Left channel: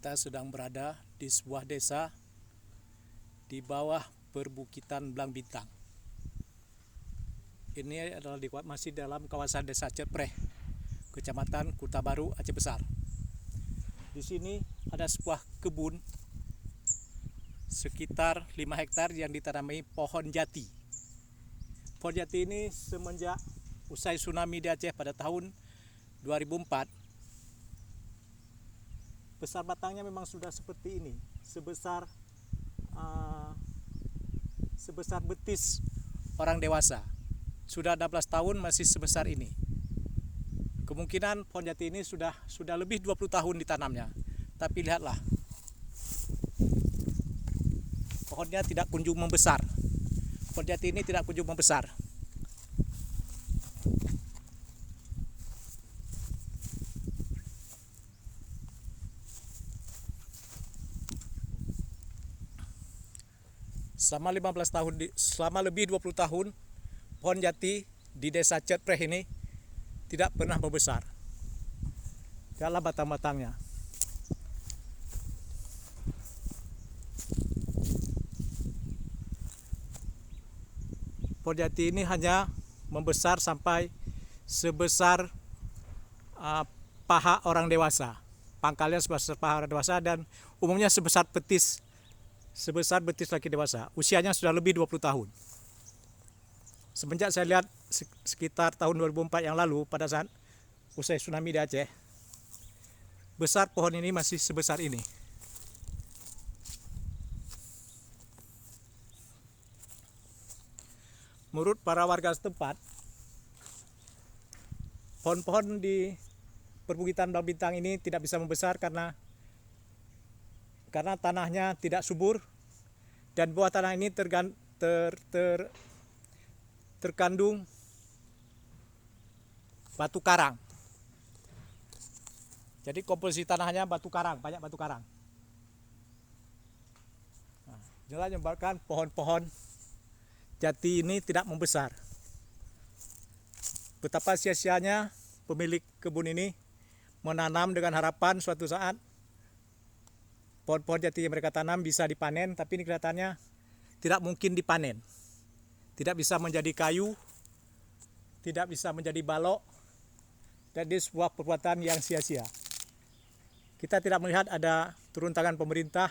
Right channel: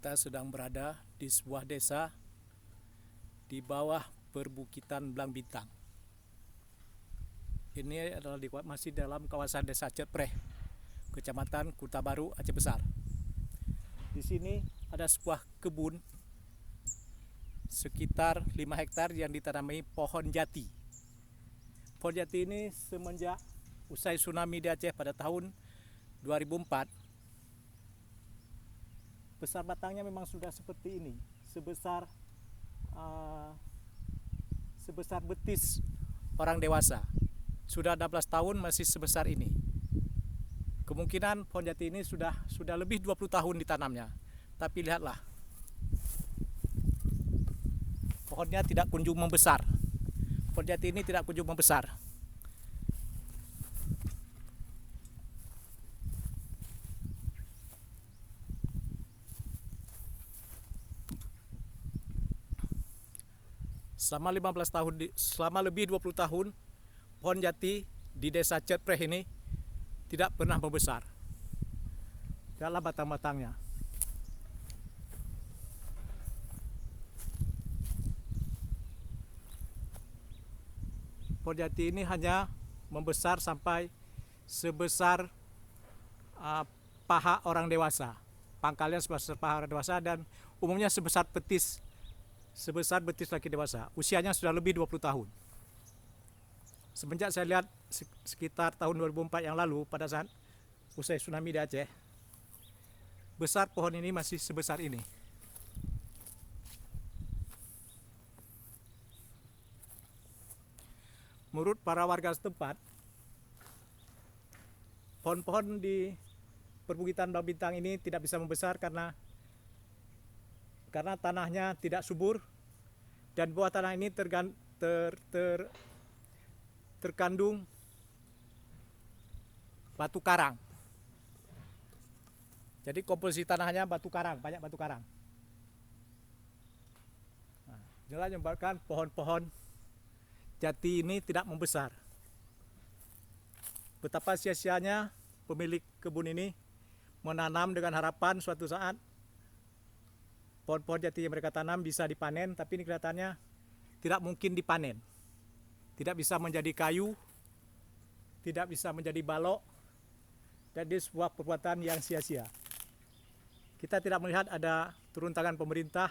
Kita sedang berada di sebuah desa di bawah perbukitan Blang Bintang. Ini adalah masih dalam kawasan Desa Cetpreh, Kecamatan Kuta Baru, Aceh Besar. Di sini ada sebuah kebun sekitar 5 hektar yang ditanami pohon jati. Pohon jati ini semenjak usai tsunami di Aceh pada tahun 2004, besar batangnya memang sudah seperti ini, sebesar betis orang dewasa. Sudah 16 tahun masih sebesar ini. Kemungkinan pohon jati ini sudah lebih 20 tahun ditanamnya. Tapi lihatlah, pohonnya tidak kunjung membesar. Pohon jati ini tidak kunjung membesar. Selama lebih 20 tahun pohon jati di Desa Cetpreh ini tidak pernah membesar. Lihatlah batang-batangnya. Pohon jati ini hanya membesar sampai sebesar paha orang dewasa. Pangkalnya sebesar paha orang dewasa dan umumnya sebesar betis laki dewasa. Usianya sudah lebih 20 tahun. Semenjak saya lihat sekitar tahun 2004 yang lalu pada saat usai tsunami di Aceh, besar pohon ini masih sebesar ini. Menurut para warga setempat, pohon-pohon di perbukitan Blang Bintang ini tidak bisa membesar karena tanahnya tidak subur dan bawah tanah ini terkandung batu karang. Jadi komposisi tanahnya batu karang, banyak batu karang. Inilah yang menyebabkan pohon-pohon jati ini tidak membesar. Betapa sia-sianya pemilik kebun ini menanam dengan harapan suatu saat pohon-pohon jati yang mereka tanam bisa dipanen, tapi ini kelihatannya tidak mungkin dipanen. Tidak bisa menjadi kayu, tidak bisa menjadi balok, jadi sebuah perbuatan yang sia-sia. Kita tidak melihat ada turun tangan pemerintah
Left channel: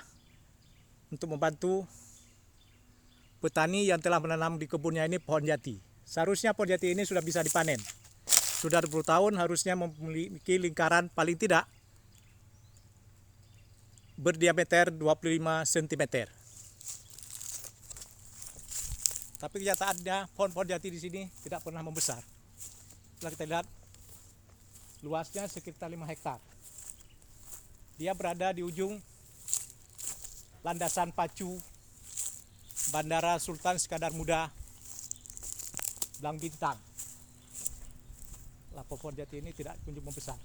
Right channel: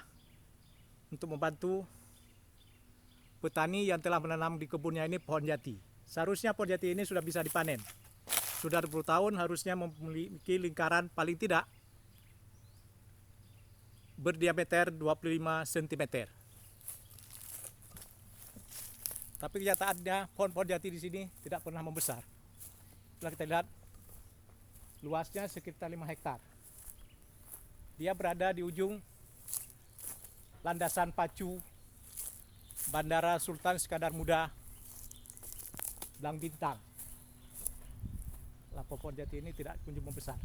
untuk membantu petani yang telah menanam di kebunnya ini pohon jati. Seharusnya pohon jati ini sudah bisa dipanen. Sudah 20 tahun harusnya memiliki lingkaran paling tidak berdiameter 25 cm. Tapi kenyataannya pohon-pohon jati di sini tidak pernah membesar. Setelah kita lihat, luasnya sekitar 5 hektar. Dia berada di ujung landasan pacu Bandara Sultan Iskandar Muda Blang Bintang. Pohon jati ini tidak kunjung membesar.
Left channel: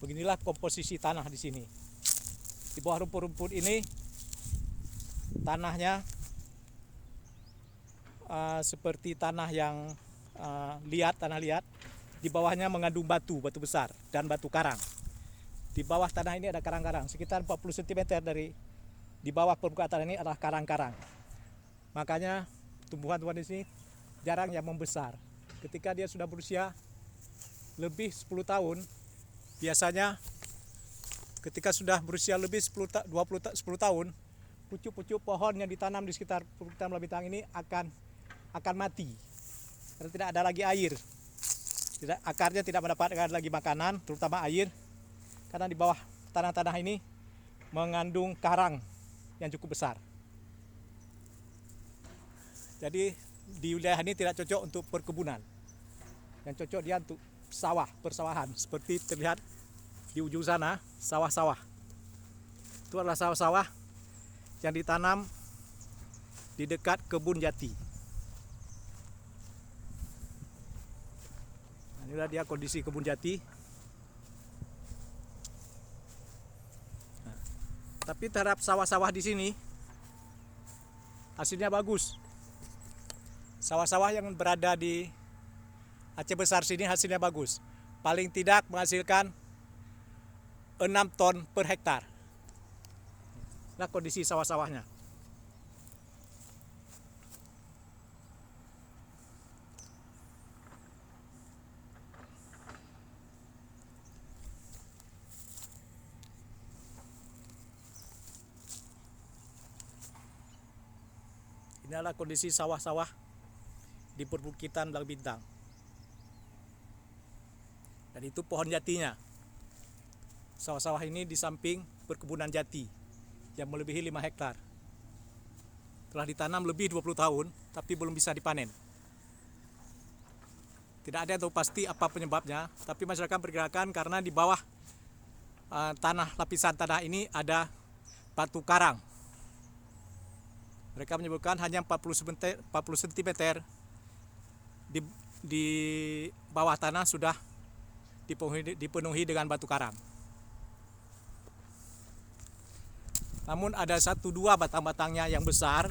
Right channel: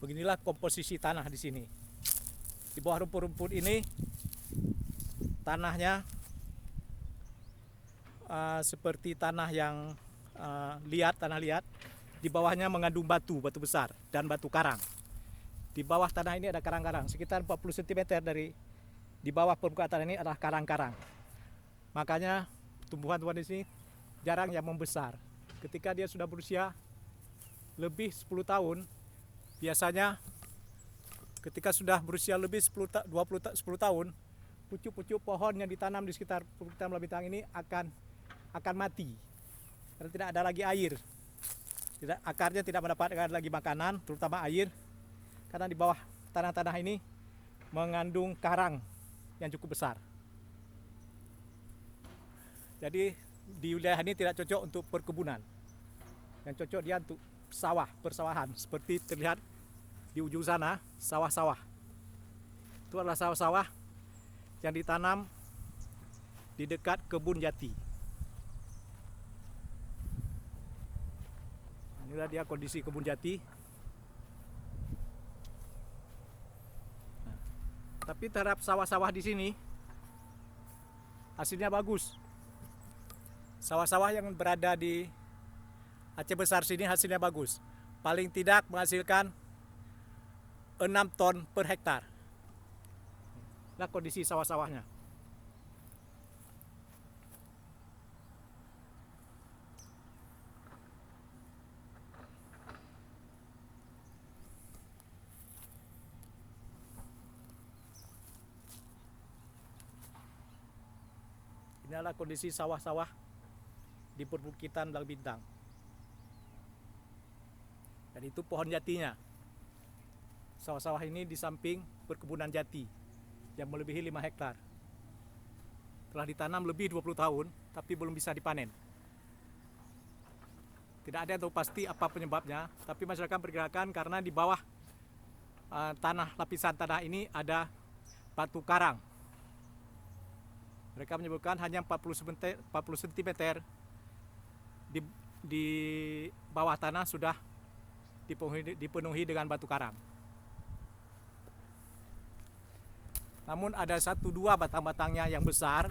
Beginilah komposisi tanah di sini. Di bawah rumput-rumput ini tanahnya seperti tanah yang tanah liat. Di bawahnya mengandung batu besar dan batu karang. Di bawah tanah ini ada karang-karang. Sekitar 40 cm dari di bawah permukaan tanah ini adalah karang-karang. Makanya tumbuhan-tumbuhan di sini jarang yang membesar. Ketika dia sudah berusia lebih 10 tahun, biasanya ketika sudah berusia lebih 10 tahun, pucuk-pucuk pohon yang ditanam di sekitar perbukitan Blang Bintang ini akan mati. Karena tidak ada lagi air. Akarnya tidak mendapatkan lagi makanan, terutama air. Karena di bawah tanah-tanah ini mengandung karang yang cukup besar. Jadi di wilayah ini tidak cocok untuk perkebunan. Yang cocok dia untuk persawahan. Seperti terlihat di ujung sana, sawah-sawah. Itu adalah sawah-sawah yang ditanam di dekat kebun jati. Inilah dia kondisi kebun jati. Tapi terhadap sawah-sawah di sini hasilnya bagus. Sawah-sawah yang berada di Aceh Besar sini hasilnya bagus. Paling tidak menghasilkan 6 ton per hektar. Nah, kondisi sawah-sawahnya. Ini adalah kondisi sawah-sawah di perbukitan Blang Bintang. Dan itu pohon jatinya. Sawah-sawah ini di samping perkebunan jati yang melebihi 5 hektar. Telah ditanam lebih 20 tahun, tapi belum bisa dipanen. Tidak ada yang tahu pasti apa penyebabnya, tapi masyarakat perkirakan karena di bawah lapisan tanah ini ada batu karang. Mereka menyebutkan hanya 40 cm di bawah tanah sudah dipenuhi dengan batu karang. Namun ada 1-2 batang-batangnya yang besar,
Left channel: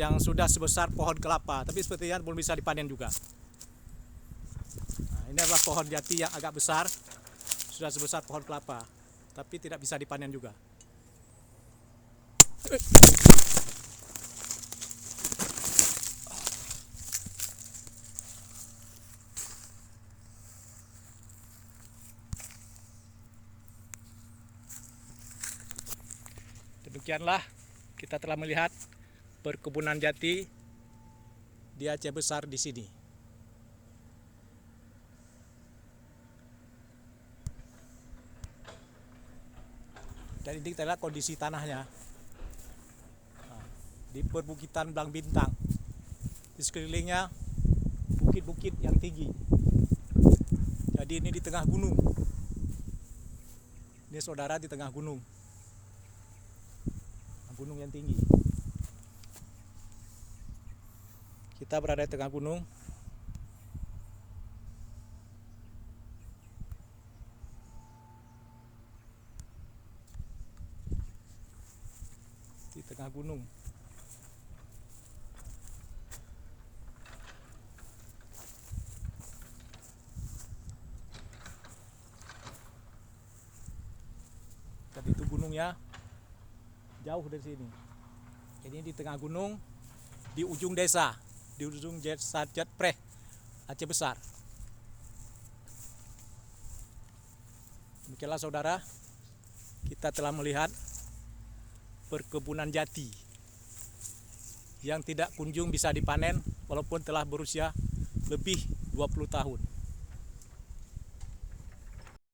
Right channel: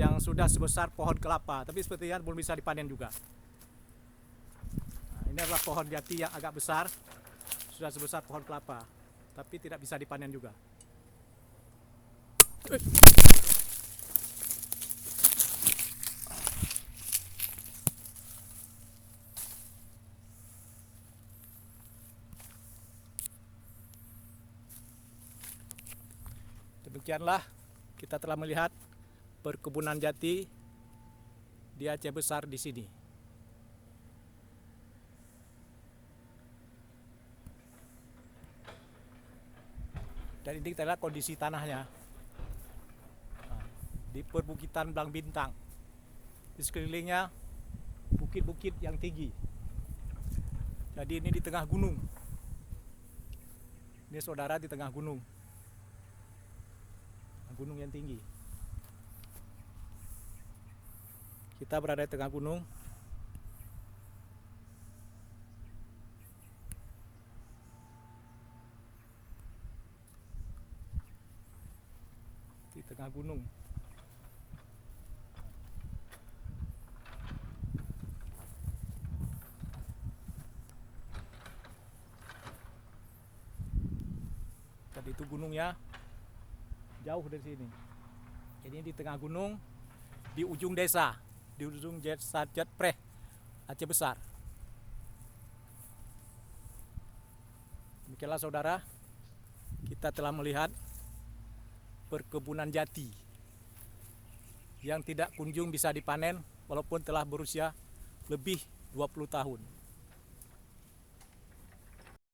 yang sudah sebesar pohon kelapa, tapi sepertinya belum bisa dipanen juga. Nah, ini adalah pohon jati yang agak besar, sudah sebesar pohon kelapa, tapi tidak bisa dipanen juga. Demikianlah kita telah melihat perkebunan jati di Aceh Besar di sini. Dan ini kita lihat kondisi tanahnya. Di perbukitan Blang Bintang. Di sekelilingnya bukit-bukit yang tinggi. Jadi ini di tengah gunung. Ini saudara di tengah gunung. Gunung yang tinggi. Kita berada di tengah gunung. Di tengah gunung. Tadi itu gunungnya jauh dari sini. Ini di tengah gunung, di ujung desa, di ujung desa Jatpreh, Aceh Besar. Demikianlah saudara, kita telah melihat perkebunan jati yang tidak kunjung bisa dipanen walaupun telah berusia lebih 20 tahun.